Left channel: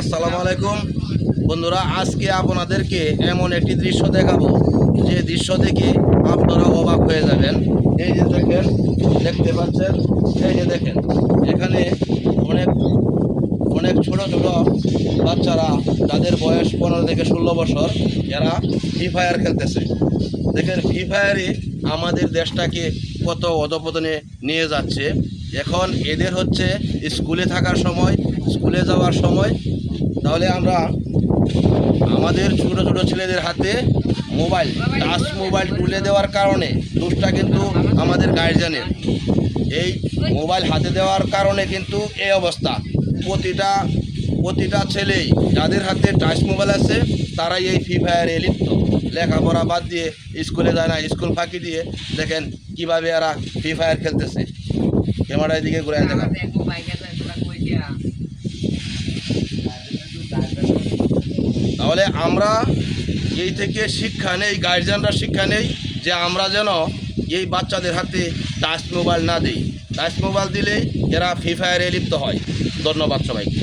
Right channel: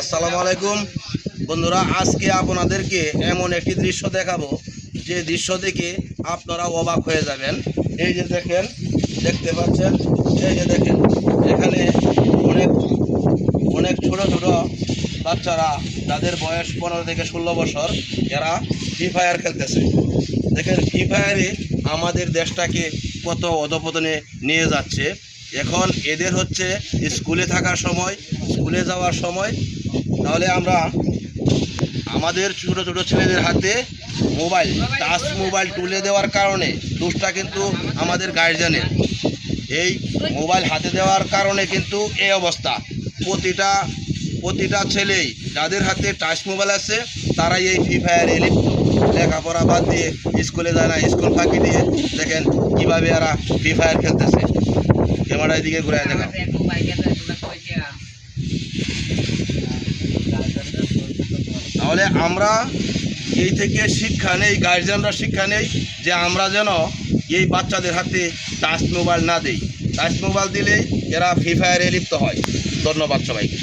আসসালামু আলাইকুম। বন্ধুরা, আজকে আপনাদেরকে এমন একটি দৃশ্য দেখাবো। যে দৃশ্য দেখে আপনারা অবাক হয়ে যাবেন। এই যে দেখেন, দেখতে পাচ্ছেন? এই যে দেখেন, এখানে অনেক অনেক ছোট ছোট বাচ্চারা, যাদের বয়স পনেরো থেকে ষোলো বছর, এরা ফ্রি ফায়ার খেলতেছে। দেখেন ফ্রি ফায়ারে আমাদের দেশটাকে কত অধপতনে নিয়ে যাচ্ছে। এখন এদের হচ্ছে স্কুলে থাকার সময়, স্কুলে যাওয়ার সময় তাহলে আমরা আমাদের ছোটো ছোটো ছেলেদের হাতে মোবাইল, টাচ মোবাইল তুলে দেওয়ার কারণে দোষটা কিন্তু আমাদের গার্জিয়ানের এই মোবাইল হাতে দেওয়ার কারণে কিন্তু এই অবস্থা। প্রতিটা প্রতিটা ছেলেই যাদের হাতে টাচ মোবাইল আছে, তারাই এই ফ্রি ফায়ারে লিপ্ত। লেখাপড়া বাদ দিয়ে স্কুলে যায় না, স্কুল ফাঁকি দিয়ে দেখেন কীভাবে এরা ফ্রি ফায়ার খেলতেছে। ক্যামেরার দিকে ঘুরে দেখাম তাহলে আমরা এই থেকে শিক্ষা নেই গার্জিয়ানরা শিক্ষা নেই যে আমরা যেন এই বাচ্চাদের হাতে টাচ মোবাইল না দিই। টাচ মোবাইল দিলে এরা ফ্রি ফায়ারে লিপ্ত হয়। ধন্যবাদ সবাইকে।